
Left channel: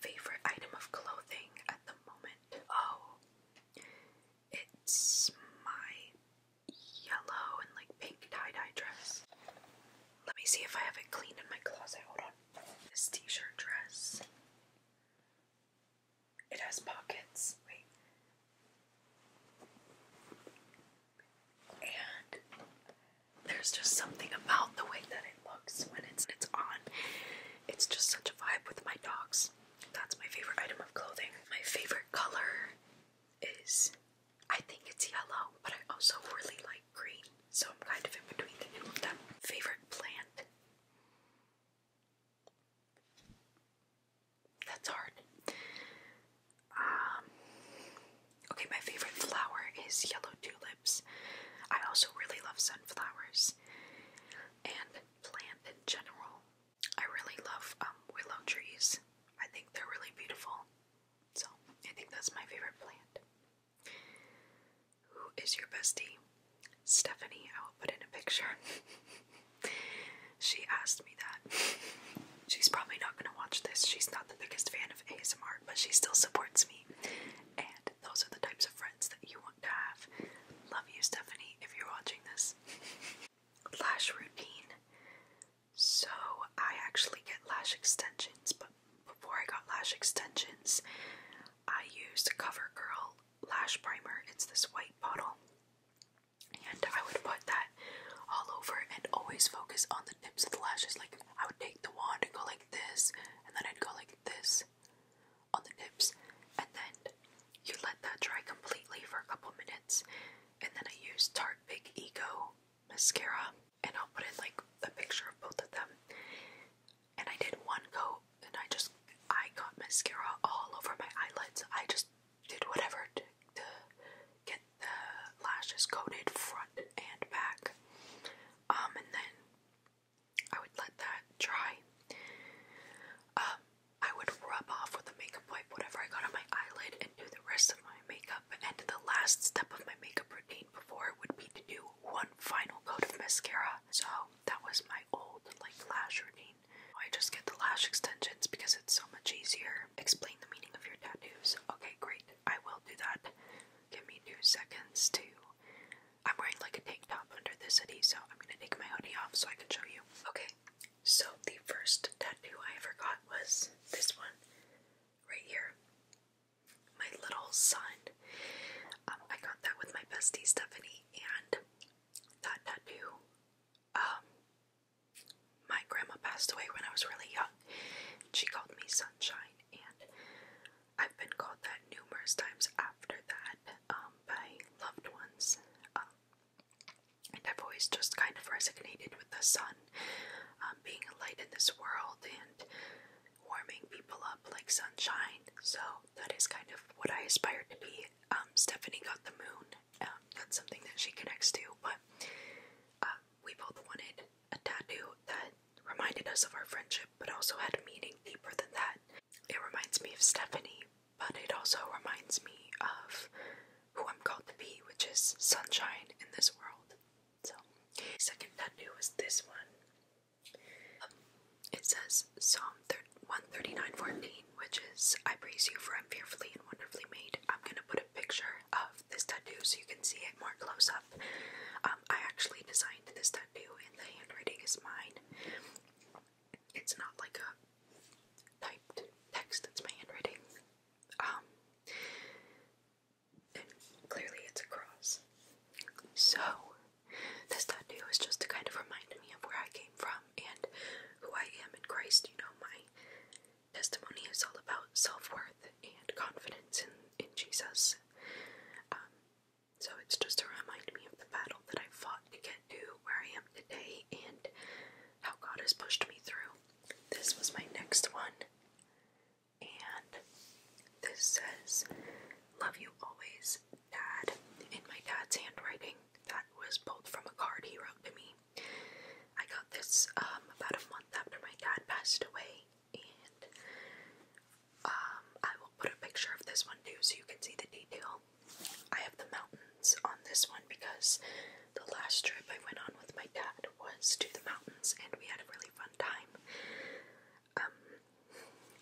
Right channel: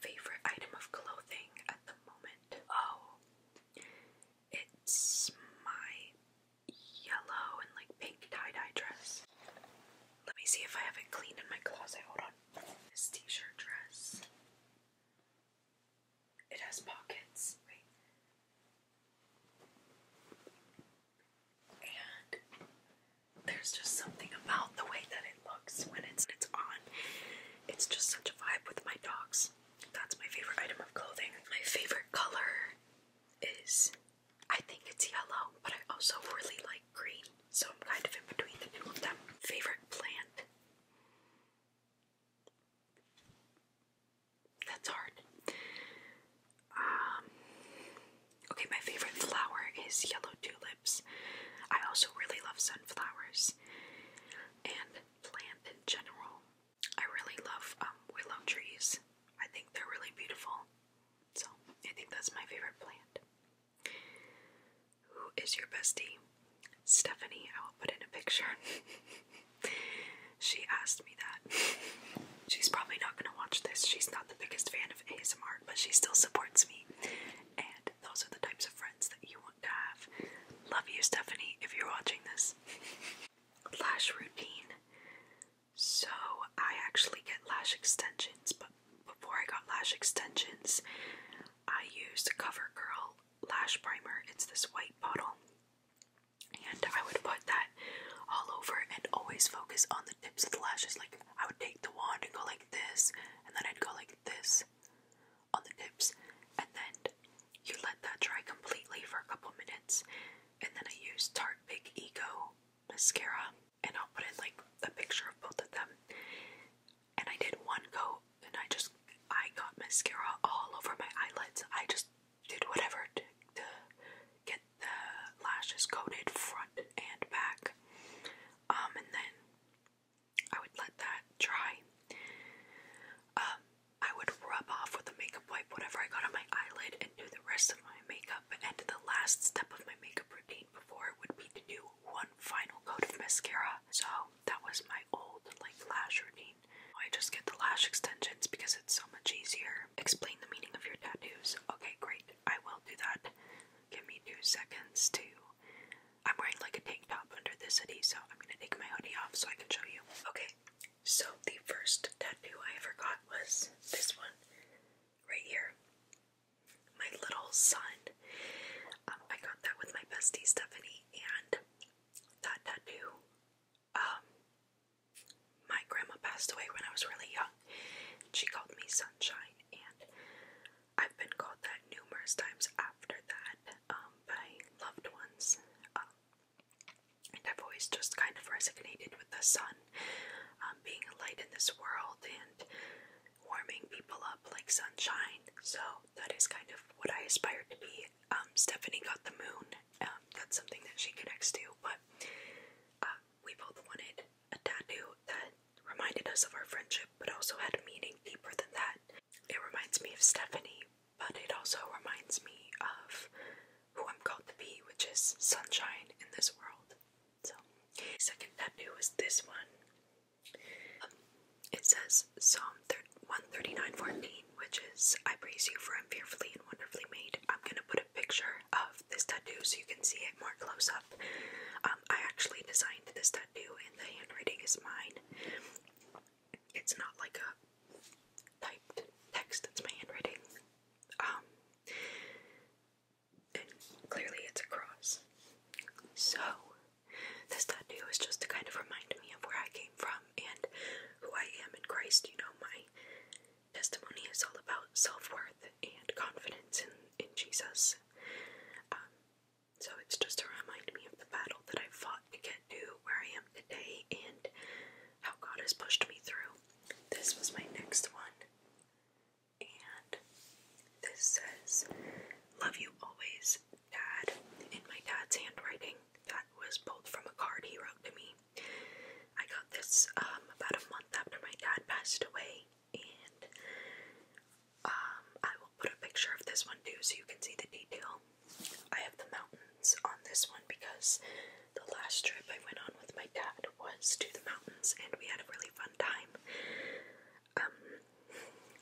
favorite item of clothing at the moment. Oh, it's my yellow and pink tie-dye dress. Let me see if I have it clean in my closet. Hold on. This t-shirt dress. It has pockets. Wait. And there's just something about the way that it looks when it's on. It's just such a vibe with my dogs. That's my favorite item of clothing. My favorite color is, I think it's yellow, but I also really like green, so I'm kind of in between the two of them. Favorite plant? That's hard. Okay, my favorite flower is yellow tulips. I also really love sunflowers and plant in general. I really love willow trees. I think they're really beautiful. So I think that's my favorite plant. Who is your bestie? Stephanie. I will put in a picture. She asked me that. She's probably not going to watch this. She's not the biggest fan of ASMR, but she still supports me. And those are the types of friends that you want to have. Love you, Stephanie, if you're watching this. Lash routine. So, I actually get lash extensions, but before I got lash extensions, I used CoverGirl lash primer. It's this white bottle. And I would put that all over and always focus on the tips of the lashes. Like, I would take the wand and go like this, and then I'd go like this on the tips, and then you let that dry completely for a couple minutes, and then I use Tarte Big Ego mascara, and I'll put in like a picture of both of them. And I did one coat, and I got mascara all over my eyelids. I just did whatever to get the lashes coated front and back. And then I would let that dry. I would rub off with a makeup wipe whatever I got on my eyelid and do the rest of my makeup. And the last step of my makeup routine before would be to do one final coat of mascara. So that was my old lash routine. I just get the lash extensions because it's so much easier. Explain the meaning of your tattoos. Okay, great. I will do that. Give me 2 seconds to... I'm wearing like a tank top under this hoodie, so I'm gonna take my hoodie off so I can show you. Okay, so the first tattoo I ever got was this one right here. My little son. I got that with my bestie Stephanie, and that tattoo, my grandma passed away when I was really young. She called me Sunshine, and I've been called that numerous times after that by loved ones. And I've always just kind of resonated with the sun, being a light in this world and warming people up like sunshine. So that is kind of what I aspire to be. Stephanie got the moon. That's something that she connects to, but we both wanted a tattoo that reminded us of our friendship, but also had a meaning deeper than that. It reminds me of Stephanie, but it also reminds me of who I'm called to be, which is sunshine in this world. So, second tattoo is this one. It says Psalm 139:14, which is, I praise you for I'm fearfully and wonderfully made. I'm gonna put a picture of this tattoo so you can see it more close up. I actually designed this tattoo and the handwriting is mine. It's not like a typed text, it's my handwriting. And clearly it's a cross. So, this tattoo is just to kind of remind me of where I came from and who I am in Christ. You know, my testimony is all about self-worth and confidence in Jesus. So it's just to remind me of the battle that I fought to get to where I am today and how God has pushed me through. This was my next one. And this says, love you always, Dad, in my dad's handwriting. That was pulled from a card he wrote to me. I got this about a month after my dad passed away, and I will put a picture of this one too so you can see the detail. I have the mountains on this one because the last trip I went on with my dad was to the mountains and we had a really fun time.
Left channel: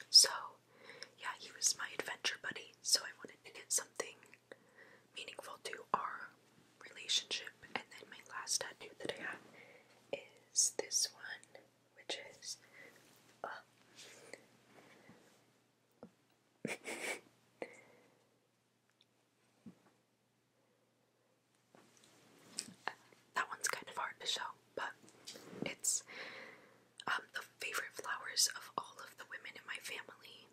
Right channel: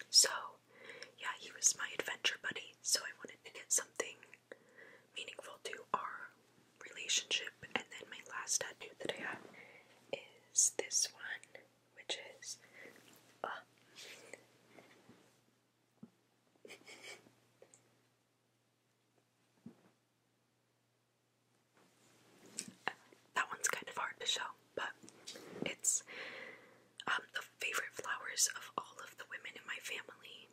So yeah, he was my adventure buddy, so I wanted to get something meaningful to our relationship. And then my last tattoo that I have is this one, which is that one's kind of hard to show, but it's the favorite flowers of all of the women in my family.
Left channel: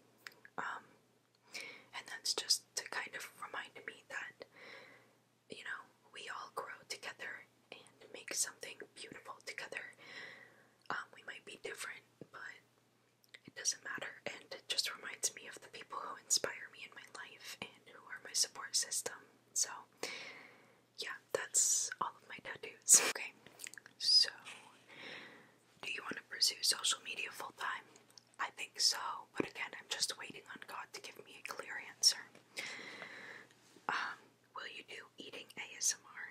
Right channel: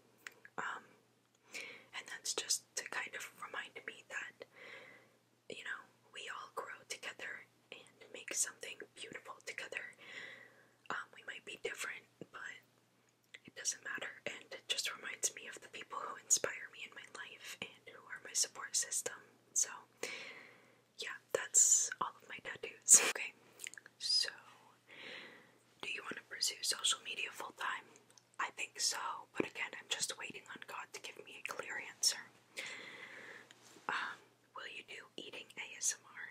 And that's just to kind of remind me that, you know, we all grow together and make something beautiful together. We might be different, but it doesn't matter, and it just reminds me of the people who inspire me in my life and who are my support system. So yeah, that's all of my tattoos. Okay, so do you want to pursue social media full time? I think so, but again, I'm just waiting on God to give me a clear answer. Will you do eating ASMR?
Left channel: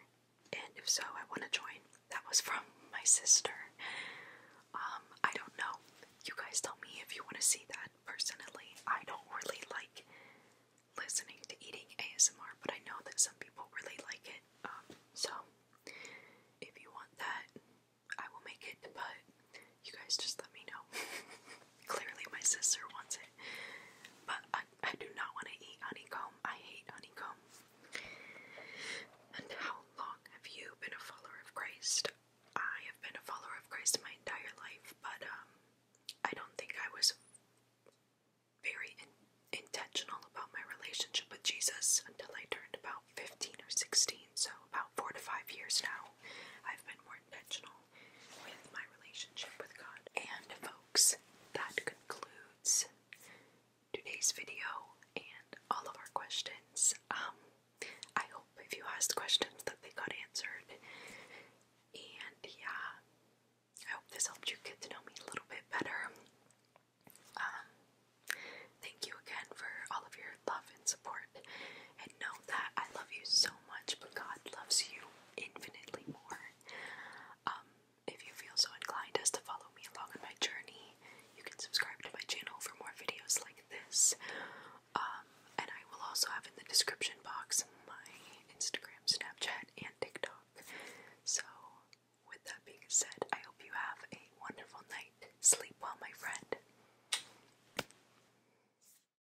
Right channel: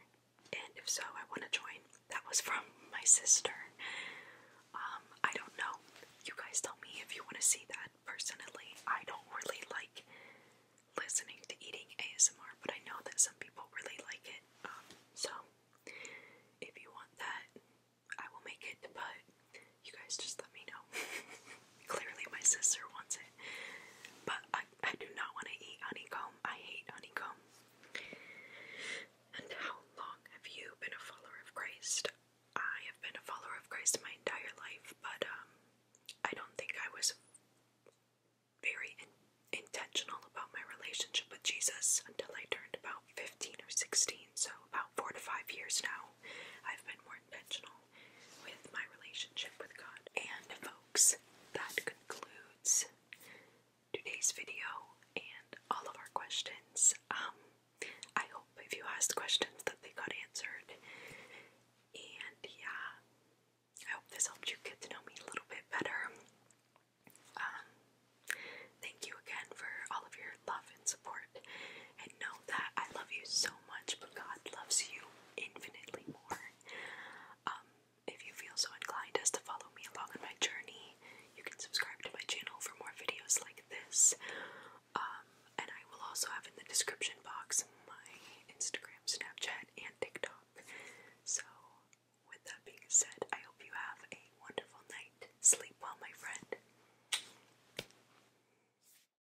And if so, I want to join. That was from my sister. I don't know. You guys tell me if you want to see that. Personally, I don't really like listening to eating ASMR, but I know that some people really like it. So if you want that, I will make it, but you guys just let me know. Clearly my sister wants it, but I do not want to eat honeycomb. I hate honeycomb. And how long have you been a follower of Christ? I have been a follower of Christ my entire life, but I don't think I was very intentional about my relationship with Jesus until I turned about 15 or 16, so about 4 to 5 years now. I've been more intentional with my relationship with God. And folks, that concludes today's video and all of our questions. I hope if you asked questions that they got answered. And yeah, I hope this helped you get to know me a little bit better. Thank you again for all of your love and support. And know that I love you so much, but God loves you infinitely more. If you feel so inclined as to follow me along on my journey, you can subscribe to my channel for more videos like this. And I will also have in the description box my Instagram, Snapchat, and TikTok. So, with that being said, I hope you have a wonderful night. Sleep well, my friend.